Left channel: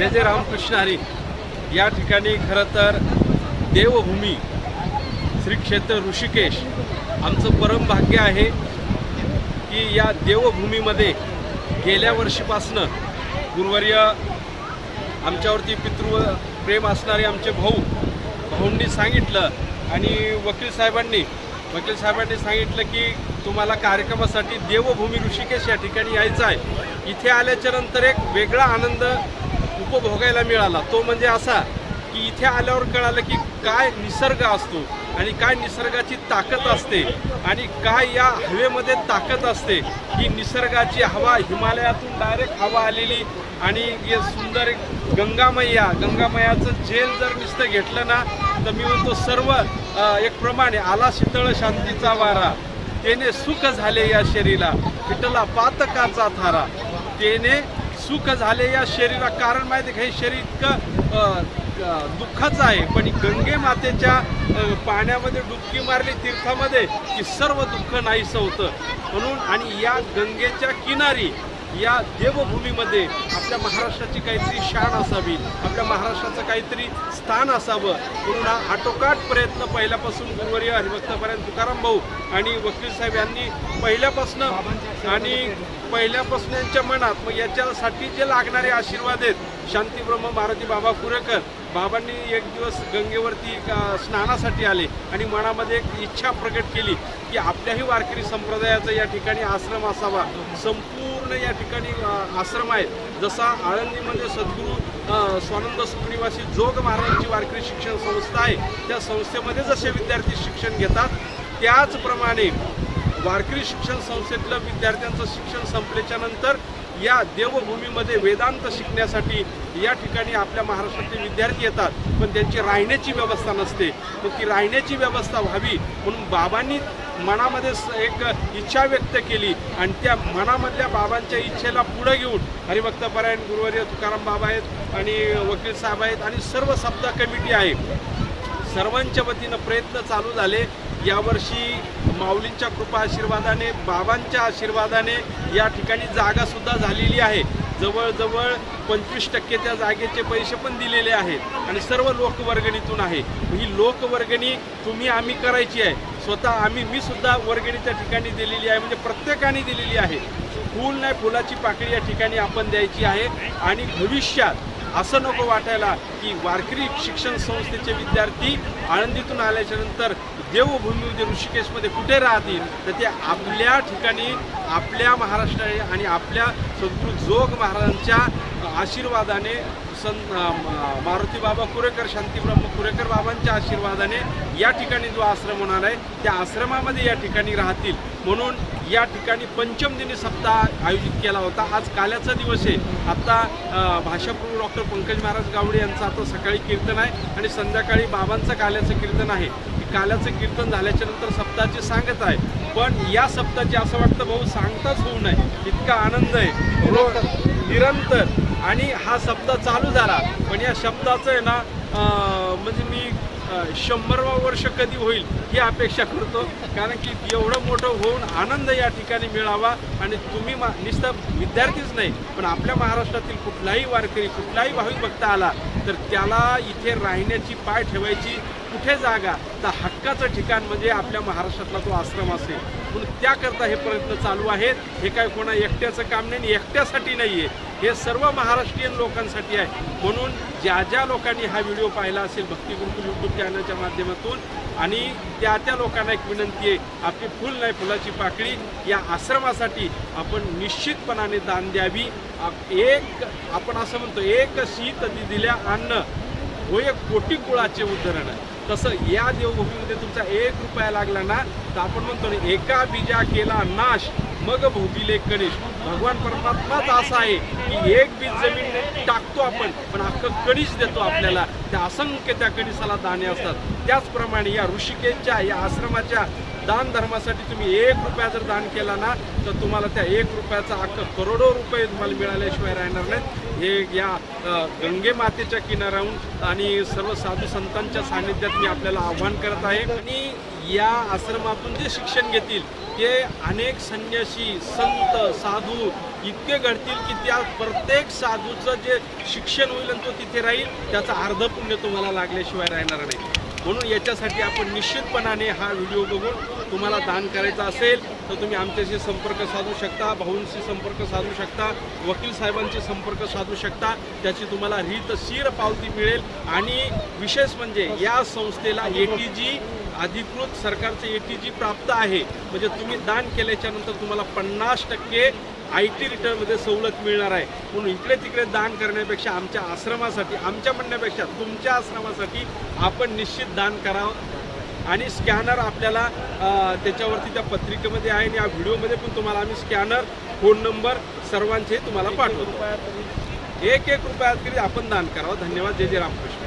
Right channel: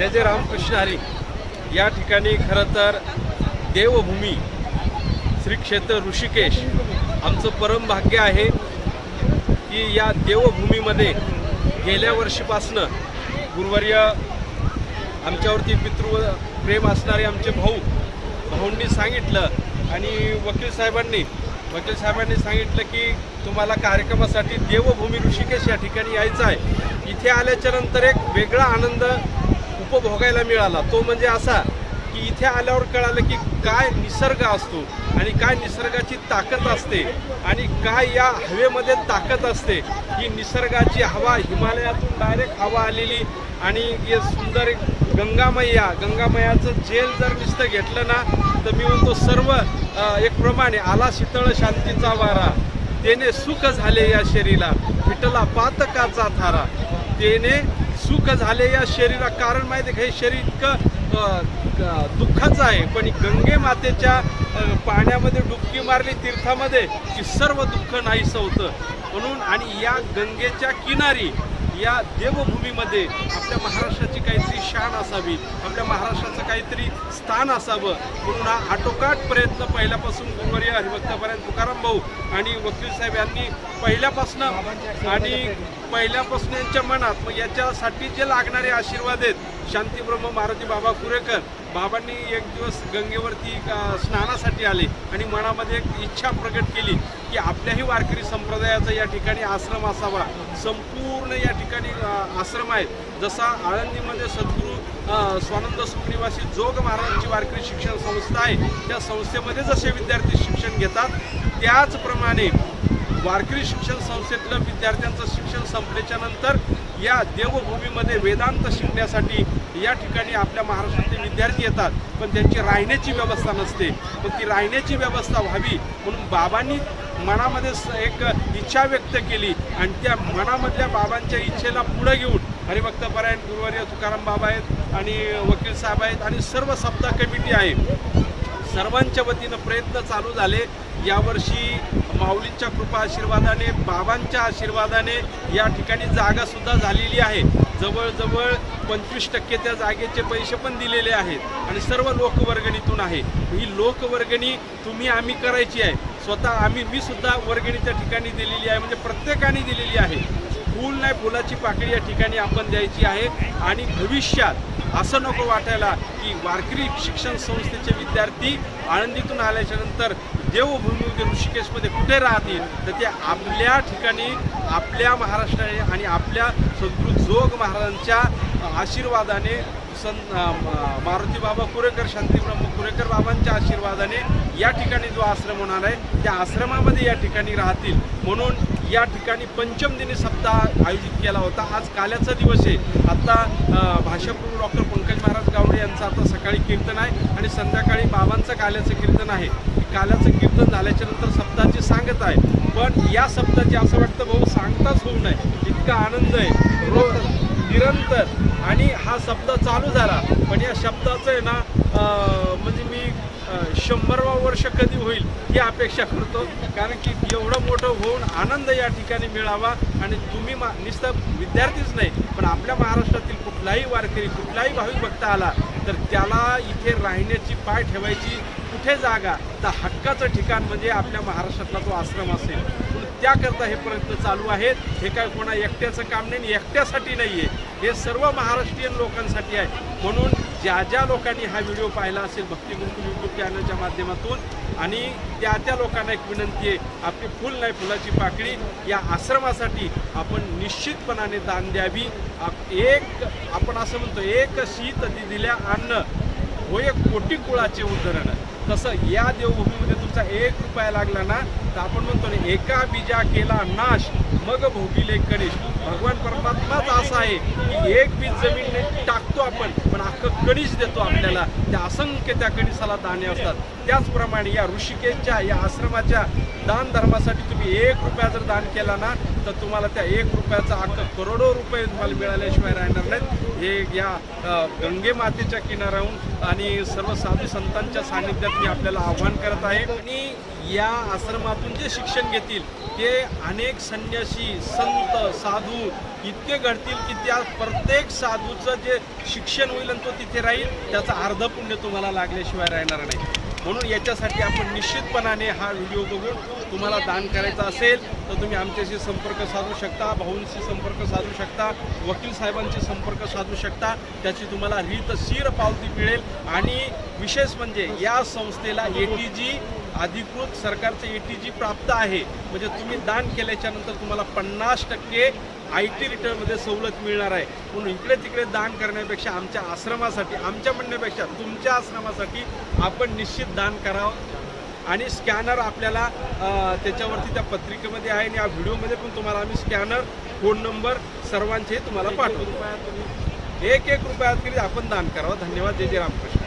जय जय रामकृष्ण हरी. या ठिकाणी खरं तर देवभूमी श्री क्षेत्र ऋषिकेश आमचं परम भाग्य आहे की या देवभूमीमध्ये गेल्या वर्षीपासनं गुरुवर्य आमच्यावरती पितृ प्रेम असणारे आमचे भाऊ भाऊंनी सांगितलं आणि वकील साहेबांनी वकील साहेबांनी सांगितलं की तुम्हाला कार्यक्रमासाठी देवभूमी ऋषिकेश या ठिकाणी यायचं आहे. इथे आल्याच्यानंतर एक वेगळा आनंद उपभोगायला मिळाला. तो म्हणजे असा की इथे आल्यावर कळालं की काय निसर्ग असतो आणि काय निसर्गाची ताकद असते आणि काय या हवेमध्ये ताकद असते. ही निसर्गाची हवा हिमालयातून डायरेक्ट हवा आलेली आणि हे सुंदर एक गंगामय्या गंगामयाचं जेल जर नुसतं घेतलं ना तर मी म्हणतो सर्व एक प्रमाणे आला शीतळ शांतीचा वारा. तेने सुख झाले या शरीरा विठला पातकाचा थारा. तेने सुख झाले या शरीरा कारण माहिती का, हे शरीर इतकं दुःखाचं आहे. पण गंगे मातेच्या पाण्यामध्ये डुबकी मारली तीर्थामध्ये की सर्व दुःख नाहीसं होतं. म्हणून आणि या गंगेच्या किनारी या देवभूमीमध्ये आपल्या महाराष्ट्राची काहीतरी शान असावी आपल्या महाराष्ट्राचं काहीतरी स्थान असावं. म्हणून हा आटोकाट प्रयत्न पहिल्यापासून गुरुवर्य हरिभक्तापर्यंत तुकाराम भाऊ आणि वकील साहेब यांनी पहिल्यापासून आणि पहिल्यापासून यांच्या मनात मग याच्यासाठी जे लागणारे आशीर्वाद आहेत शांतीब्रह्म मारुती बाबा कुरेकर बाबांनी एक दिवस गंगेवरती स्नानासाठी आले आणि मनामध्ये एक इच्छा प्रकट केली की आपल्याही वारकरी संप्रदायाचा या ठिकाणी आश्रम असावा. संपूर्ण या ठिकाणी आश्रम आहे. जसा आळंदीमध्ये सद्गुरू स्वानंद सुखनिवासी जोग महाराजांची वारकरी शिक्षण संस्था आहे त्या संस्थेमध्ये जसे विद्यार्थी शिक्षण घेतात त्याचप्रमाणे वारकरी शिक्षण संस्थेतलं विद्यार्थ्यांचं शिक्षण संपल्याच्या नंतर या देवभूमीमध्ये वेदांत शिकण्यासाठी या ठिकाणी आपल्या महाराष्ट्रातले विद्यार्थी येतात. पण त्यांची राहण्याची व्यवस्था नसते. पण ती राहण्याची व्यवस्था व्हावी म्हणून बाबांनी मनामध्ये स- एक इच्छा व्यक्त केली आणि त्या मनामधल्या बाबांच्या इच्छेला पुढे घेऊन हरिभक्तपरायण गुरुवर्य तुकाराम बाबा आहेत आणि वकील साहेब आहेत आणि सर्व सप्ताह कमिटी आहे. सर्वांच्या वतीनं प्रयत्न चालू झाले. यावर्षी माऊलींच्या कृपा आशीर्वादाने बाबांच्या आशीर्वादाने या ठिकाणी जागासुद्धा झालेली आहे. जवळजवळ पंचवीस टक्के त्या जागेचे पैसे पण दिलेले आहेत आणि सर्व लोकवर्गणीतून आहे. ही लोकवर्गणी तुम्ही आम्ही करायची आहे. स्वतः आम्ही मी सुद्धा वर्गणी त्या ठिकाणी दिलेली आहे. म्हणजे प्रत्येकाने दिलेली आहे. फूल नाही फुलाची पाकळी या ठिकाणी आपण द्यायची आहे. आणि भविष्यात असं नको वाटायला की वारकरी शिक्षण संस्थेचे विद्यार्थी आळंदीतून आल्याच्यानंतर देवभूमीमध्ये ऋषिकेशमध्ये कुठे राहतील तर ते आपल्या ठिकाणी आपल्या महाराष्ट्राने आणि आपल्या सद्गुरू जोग महाराजांच्या आशीर्वादाने संत म- मारुती बाबा कुरेकर शांतीब्रह्म कुरेकर बाबांच्या आशीर्वादाने या ठिकाणी जो आश्रम होणार आहे त्या आश्रमामध्ये या ठिकाणी राहतील. म्हणून या ठिकाणी पंचम दिनी सप्ताह आयोजित केला होता. आज काल्याचा दिवस आहे. आता अ, भाषाप्रभू डॉक्टर पंकज महाराज गावडे यांचं आता सकाळी कीर्तन आहे आणि संध्याकाळी बाबांचं काल्याचं कीर्तन आहे. काल्याचं कीर्तन झाल्याच्यानंतर सप्ताहाची सांगत आहे. पण या सप्ताहाची असं वाटतं भाऊ सांगताच होऊ नये. इतका आनंद आहे. रोज निरंतर. आणि हा शब्द चालू झाला. पण या शब्दाचं आहे ना म्हणजे मी शंभरवा वर्ष कधी होईल ही अपेक्षा करतो. कारण की एवढं मोठं होऊन आनंद या ठिकाणी मिळावा आणि तुम्ही मा नुसतं विद्यार्थीच नाही पण आपल्या महाराष्ट्रातील कुठलाही वारकरी कुठलाही भाविक भक्त आला तर त्याला इथे राहण्याची पाय ठेवायची कुठे जागा तर हक्काचं ठिकाण म्हणजे आपल्या महाराष्ट्रातला तो आश्रम असेल. म्हणून त्याकरता हे प्रयत्न चालू आहेत. हे काय कोणा एकट्याचं काम नाही आणि एकट्यासाठी नाही आहे हे सर्व महाराष्ट्रीयन लोकांसाठी आहे. म्हणून ज्या ज्या लोकांनी हा व्हिडिओ पाहिला असेल भक्ती गुरुकुल यूट्यूब चॅनलच्या माध्यमातून आणि त्या त्या लोकांना एक विनंती आहे आपली फुल नाही फुलाची पाकळी या आश्रमासाठी आपण निश्चितपणाने दान द्यावी. आप- एक आपण असं म्हणतो एक शीत दिल्या अन्न हो एक कोटी कुळाचे उदाहरण तसं या देवभूमीमध्ये तुमचा एक रुपया लागला ना तर आपण म्हणतो एका बीजा केला नाश मग भोगिले कणेश भगवान परमात्माच असा आहे की एक बीज जमीन टाकतो आपण पण अख्खं कणीस देतो आपल्याला? त्या असंख्य त्या कणीसाला दाणे असतात. त्याचप्रमाणे या ऋषिकेशच्या या आश्रमाच्या दान धर्मासाठी तुम्ही एक रुपया जर दान केला ना तर तुम्हाला त्या एक रुपयाचा अख्खं करोडो रुपये तुम्हाला मिळाल्याशिवाय राहणार नाहीत हे या गंगे मातेच्या किनाऱ्याहून आणि सर्व साधू संतांच्या सानिध्यात मी आपल्याला आव्हान करत आहे. आणि या आश्रमातून जे शिक्षण घेतील ते अनेक संन्यासी संत साधू इतके घडतील की त्या प्रत्येक साधूचं जे शिक्षण होईल आणि तो तिथे राहील त्याचा अर्ध पुण्य तुम्हाला लागल्याशिवाय राहणार नाही. म्हणून याच्यासाठी आपण निश्चितपणाने हा व्हिडिओ बघून तुम्हाला दान करायचं असेल तर तुम्ही आमच्याशी संपर्क साधू शकता भाऊंशी संपर्क साधू शकता वकील साहेबांशी संपर्क साधू शकता त्याची तुम्हाला रीतशीर पावती मिळेल. आणि विशेष म्हणजे या संस्थेला ए टी जी अधिकृत सरकारचं ए टी जी प्राप्त आहे. म्हणजे तुम्ही दान केल्याच्यानंतर तुम्हाला पन्नास टक्के आय टी रिटर्नमध्ये सवलत मिळणार आहे. म्हणून इकडे तिकडे दान करण्यापेक्षा आमच्या आश्रमासाठी आमच्या म्हणण्यापेक्षा तुमच्या आश्रमासाठी आपण निश्चित दान करावं. आणि स्कॅनर आपल्याला त्याच्यावरती त्या पत्रिकेमध्ये आहे आणि या व्हिडिओमध्ये पण तुम्हाला आम्ही स्कॅनर फोन नंबर सर्वांचे तुम्हाला पाठवतो. एक एक रुपयात तरी आपण दान करावं. धन्यवाद. जय जय रामकृष्ण.